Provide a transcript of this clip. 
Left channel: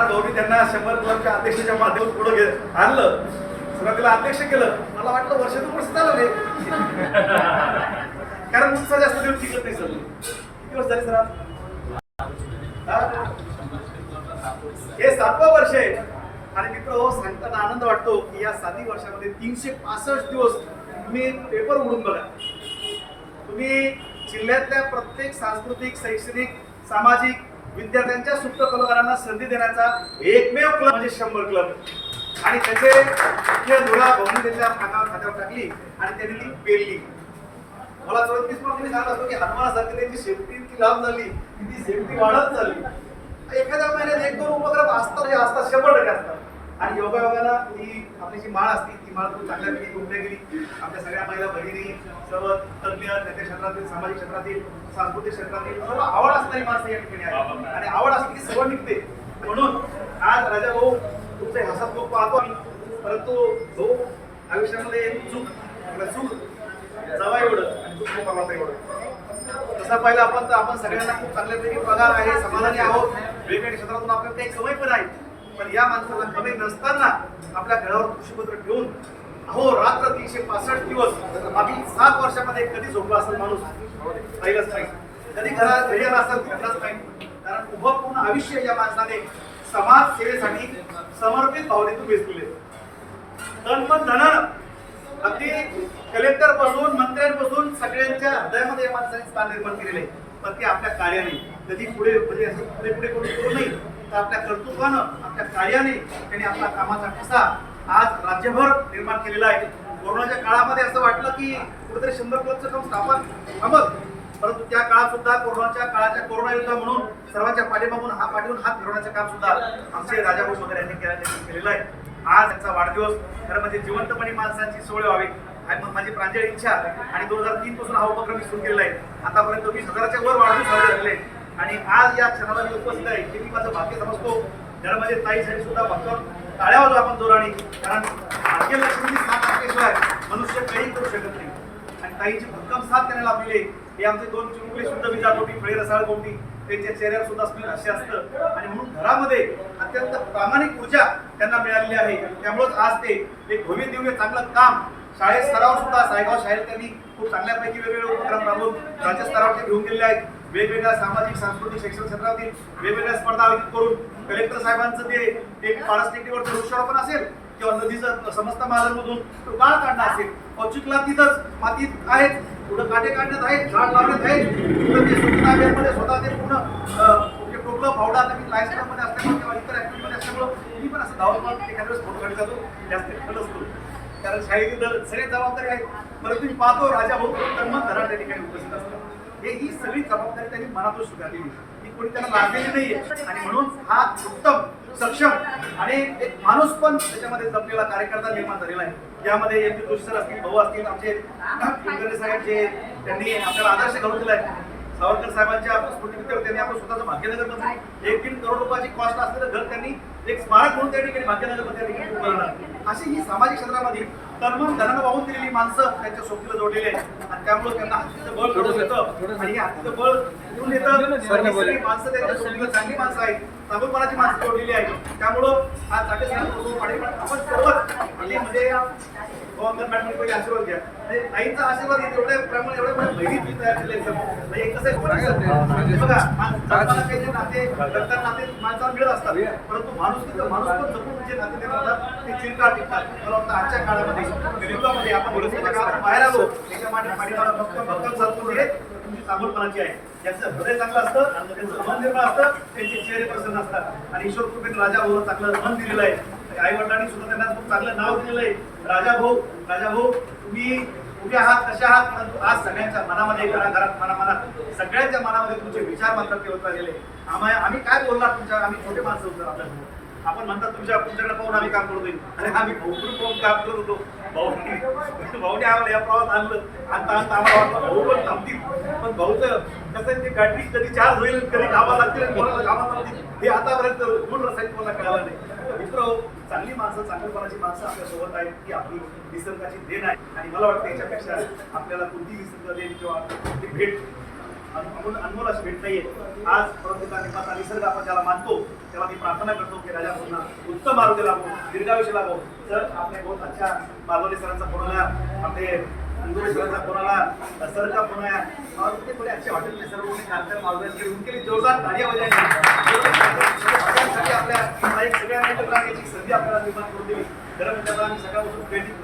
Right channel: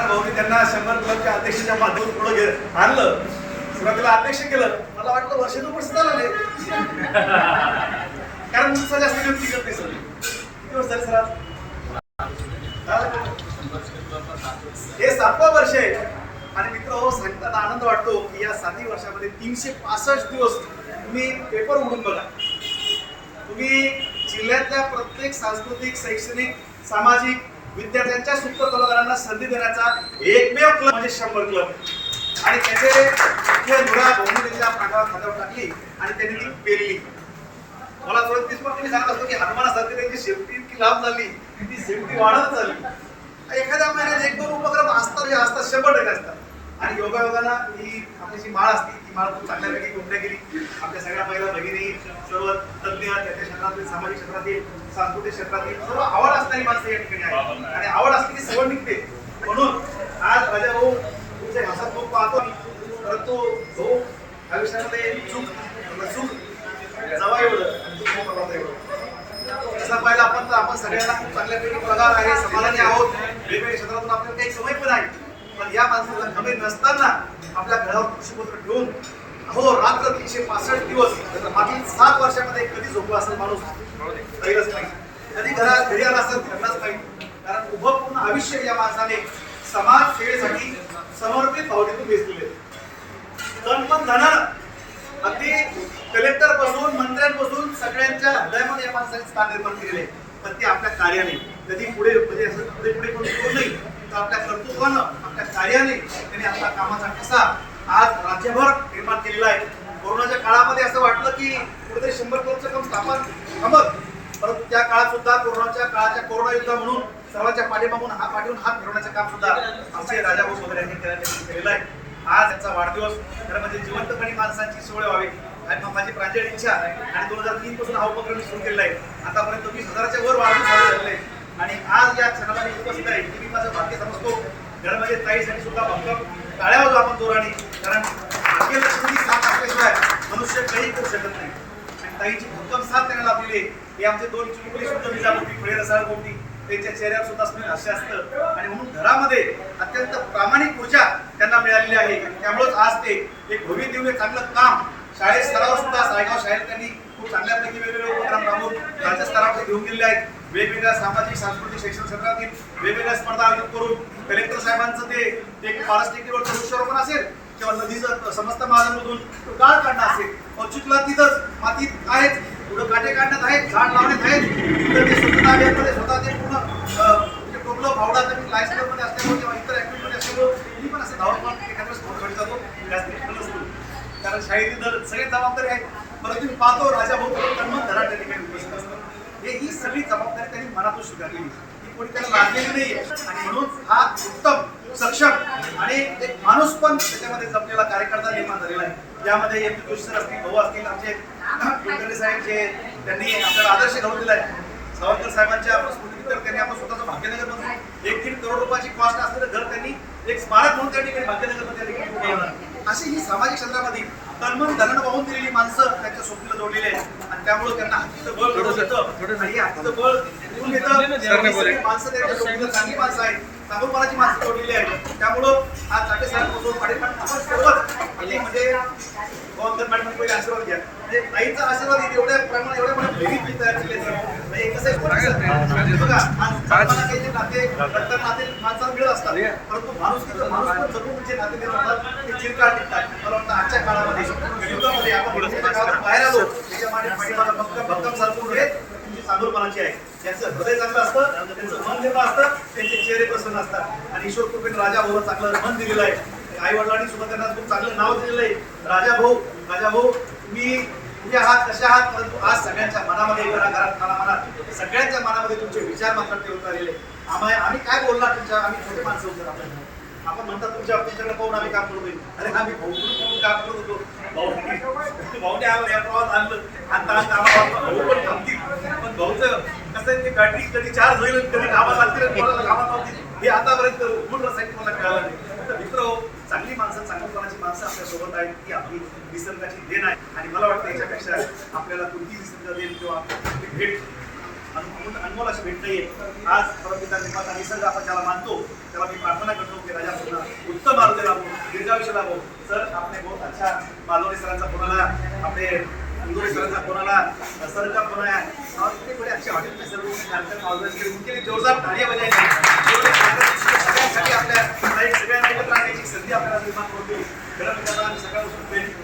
नारायण भाऊनी त्यांना शंभर क्लबच्या अध्यक्षाच्या माध्यमातून पुढे घे आणलं. सुरुवातीला अध्यक्ष केलं. मला वाटलं वर्षातून दोन वर्ष चालवले. कारण उत्साह जास्त व्यक्ती करत नाही सर किती वर्ष झाले सर हे? सातवा वर्ष आहे. आणि मित्र हो सांगताना आनंद वाटतो की या सातही वर्षामध्ये तीनशे पासष्ट दिवस तुम्ही पेपर उघडून बघा. तुम्ही जिल्ह्यातल्या प्रत्येक सांस्कृतिक शैक्षणिक सामाजिक विद्यार्थ्यांच्या सुप्त कलाकारांना संधी देण्याचा एकमेव क्लब म्हणजे शंभर क्लब. आणि त्याचे मुख्य धुरा भाऊनी त्यांच्या प्रांगावर खात्यावर टाकली आणि त्यांनी ती पेरली. मला चौतीस पण तुम्ही सांगत असतो की हनुमानासारखी त्यांची शेवटी इतकी लांब झाली ती सेफ्टी वाढत चालली. एखाद्या महिन्यात एक दोन उपक्रम असतात हे असतात शंभर टक्के असतात. आणि योगायोगाला ही आपली जी माळ असते ती मला खूप चांगल्यापैकी गुंडल्या गेली. आपल्या सगळ्या महिला भगिनी सर्व तज्ञ त्याच्या क्षेत्रातील सामाजिक क्षेत्रातील सांस्कृतिक क्षेत्रातील सर्व आवड असणारी माणसं या ठिकाणी आहे आणि आवड असली की सर्व निघते. म्हणून आज राजा भाऊ तुमचे हसत खूप पाहतो परंतु भाऊ आयुष्यामध्ये चूक चूक जवा एवढं आणि दुःख मला एवढं. तसं पाहिलं आपण तर आपण सगळ्यांना खूप चांगल्यापैकी पगार आहे समाधानी आहोत. वेगवेगळ्या क्षेत्रातून आपल्याला काही सवय पण आहे. पण या माणसाला कमी नसताना आपल्या घरावर कृषीपत्र ठेवून अहो रात्र तीनशे पासष्ट दिवस मागील सात वर्षामध्ये कधी झोपला असेल माणूस? राहिलाच नाही. कधी घरात घरी आला असेल घडलाच नाही. कारण उभं पूर्ण आयुष्य या माणसाने समाज सेवेसाठी समर्पित भावनेतून वेचलेले तन पण धन अगदी कलेक्टरपासून मंत्र्यांपासून सगळ्यांच्या हृदयामध्ये या माणसाने स्थान निर्माण केलेले आहे. पण ते आपल्या कार्याने. कधी पुढे म्हणजे असं पुढे पुढे करून करू नाही तर आपल्या कर्तृत्वानं आपल्या कार्याने त्यांनी आपला कामाचा ठसा आज राज्यभर निर्माण केलेला आहे. कोरोनाच्या काळामध्ये असं वाटलं की कुठेतरी शंभर क्लबचं काम स्थापन थांबत परंतु त्या काळात सुद्धा कोरोनाच्या काळाच्या कोरोना युद्ध म्हणून सर्वांच्या पाठीमागून हा पाठीवून हात फिरवण्याचं काम सुद्धा आमचे राजाभाऊ वगैरे यांनी केलेलं आहे. आज त्यांचा वाढदिवस खरं म्हणजे जिवंतपणे माणसांची सोय व्हावी. आणि मग माझी प्रांजळ इच्छा. आणि दोन हजार तीन पासून हा उपक्रम मी सुरू केलेला आहे. आतापर्यंत वीस हजाराच्या वर वाढून साजरे झाले आणि आज या क्षणाला मी उपस्थित आहे ते मी माझं भाग्य समजतो. घरामध्ये ताईसाठी सुद्धा भक्कम. टाळ्या वाजवू आपण जोराने कारण भाग्यलक्ष्मी साथ असल्याशिवाय मनुष्य काही करू शकत नाही. आणि ताईची भक्कम साथ त्यांना लाभलेली आहे. हे आमचे दोन चुनकुले शुद्ध विजापोटी फळे रसाळ गोमटी त्यांच्या चेहऱ्यावर सुद्धा स्मेल हास्य असतं. आणि म्हणून घरामध्ये अत्यंत प्रामाणिक ऊर्जा त्यांना मिळालेली आहे. त्यामुळेच आज ते एक भव्य दिव्य चांगलं काम शाळेत स्तरावर सुद्धा सायगाव शाळेत त्यांनी खूप चांगल्यापैकी वेगवेगळे उपक्रम राबवून राज्य स्तरावर घेऊन गेलेले आहेत. वेगवेगळ्या सामाजिक सांस्कृतिक शैक्षणिक क्षेत्रातील वेगवेगळ्या स्पर्धा आयोजित करून कलेक्टर साहेबांचं ते एक पारस टेकडीवरचं वृक्षारोपण असेल किंवा नदीचं समस्त महाजनमधून गाळ काढणं असेल औचिकला तिथंच मातीत आहेत पुढं काटे काढण्यात आहेत झाड लावण्यात आहेत पुढं ते स्वच्छता अभियानमध्ये स्वतः ते पूर्ण टोपलं फावडा कमी लाईफ क्लबमध्ये असल्यामुळे किंवा इतर ऍक्टिव्हिटी असल्यामुळे मी पण असं धावत एखाद्या वेळेस फोटो काढत जातो. जास्त असतो कारण शाळेतील दल सगळे जबाबदारी आहेत परत मी पाहतो राजा भाऊ तन्मन धरा त्या ठिकाणी उपस्थित असतात. हे ही सगळी जबाबदारी त्यांनी मनातून स्वीकारलेली ही कोणी त्यांना लागलेली नाहीये. आणि म्हणून हा उत्तम सक्षम आणि एक माणूस पण त्याच्यामध्ये जपलेला कार्यकर्ता निर्माण झालेला आहे. यामध्ये एम पी सर असतील भाऊ असतील आमचे कुलकर्णी साहेब जे त्यांनी आपल्याला आदर्श घालून दिला आहे. सावरकर साहेबांच्या स्मृतीमित्तर त्यांनी आपण स्वतःचं भाग्यनगर मधून एक दीड करोड रुपयाची कॉस्ट असलेलं घर त्यांनी एक स्मारक म्हणून त्या ठिकाणी भाग्यनगरमध्ये त्या ठिकाणी उभारलं अशी ही सामाजिक क्षेत्रामध्ये तन्मन धनानं वाहून दिलेली माणसं त्यांच्या सोबतीला जोडलेले आहेत. आणि त्यामुळे त्यांना हातीचं बळ घडून येतं. आणि हे हातीचं बळ घेऊन येतं. ही माणसं त्यांच्या सोबतीला चांगली माणसं आहेत. चांगुलपणाची माणसं जोडलेली आहेत. त्यामुळं आज चाटे साहेब आपण सोबत म्हणजे गोवांकर मॅडम आशीर्वाद घ्या. म्हणजे ताईंचा आशीर्वाद येते एवढ्या प्रमाणे एवढ्या मोठ्या बहिणी तुम्ही तयार केले म्हणजे कसं आहे, कोणी असं- बघा आज जपानला काही जे नाते रक्तात नाते माणसाला मिळत असतात. परंतु माणूस माणूस पण जपून जे नाते निर्माण होतात ते चिरकाळ टिकतात. मला वाटतं आजच्या काळामध्ये युगामध्ये आपण काळात बाहेर आलो त्याच्यामागे पाठीमागे भक्कम हे तुमची चांगुलपणाची आहे. त्यांचं हृदय चांगलं असतं त्यांचं मन निर्मळ असतं त्यांचे चेहरे प्रसन्न असतात. आणि ईश्वर कृपेने राजा भाऊला चांगलं मन दिलेलं आहे. आई वडिलांनी सुद्धा त्यांना खूप चांगलं नाव दिलेलं आहे. राजा भाऊ राजा भाऊ तुम्ही कुठे आहात कशा आहात? परंतु आज सगळ्यांच्या मनामध्ये घरा घरात मना मनात सगळ्यांच्या मनामध्ये तुमचे विचार मात्र ठेवत आलेले आम्ही आम्ही काय बोलणार तुमच्या आम्ही छोटे माणसं होतो आपल्या आपण म्हणतात तुमच्या तुमच्याकडे पाहून आम्ही काम करतोय अरे आम्ही भाऊ पाहून काम करत होतो. भाऊ भाऊने आम्हाला या प्रवास आणलं. आता आता आम्हाला भाऊ पण थांबतील. पण भाऊचं कसं आहे ते गाडी कधी चार्ज होईल कधी कामात लागतील आणि कोणाला कामात नव्हती हे आतापर्यंत गुण रसायन तुम्हाला कळालं नाही. तर मित्र चांगली माणसं चांगलीपणाची माणसं आपल्यासोबत आहेत ती आपली निसर्गाची देण आहे. आणि मला वाटतं याच्यापेक्षा आपल्याला कोणती निसर्ग देण किंवा भेट अन- अनमोल अशी भेट नाहीये. आज परमपिता निर्माता निसर्ग आपण ज्याला मानतो त्याला मी प्रार्थना करतो की राजा पूर्ण उत्तम आरोग्य लाभो दीर्घायुष्य लाभो. सर आपले बहुत अच्छा मालवणी सरांचा कोणाला आपले अंदुरे सरांचा फोन आला सर का फोन और इतने बड़े अच्छे होटल में सर उन्होंने उनके लिए जोरदार तालियां बजाएंगे सगळ्यांसाठी आपल्याला निर्माण करून खरं म्हणजे आम्ही सकाळपासून ट्रेनिंग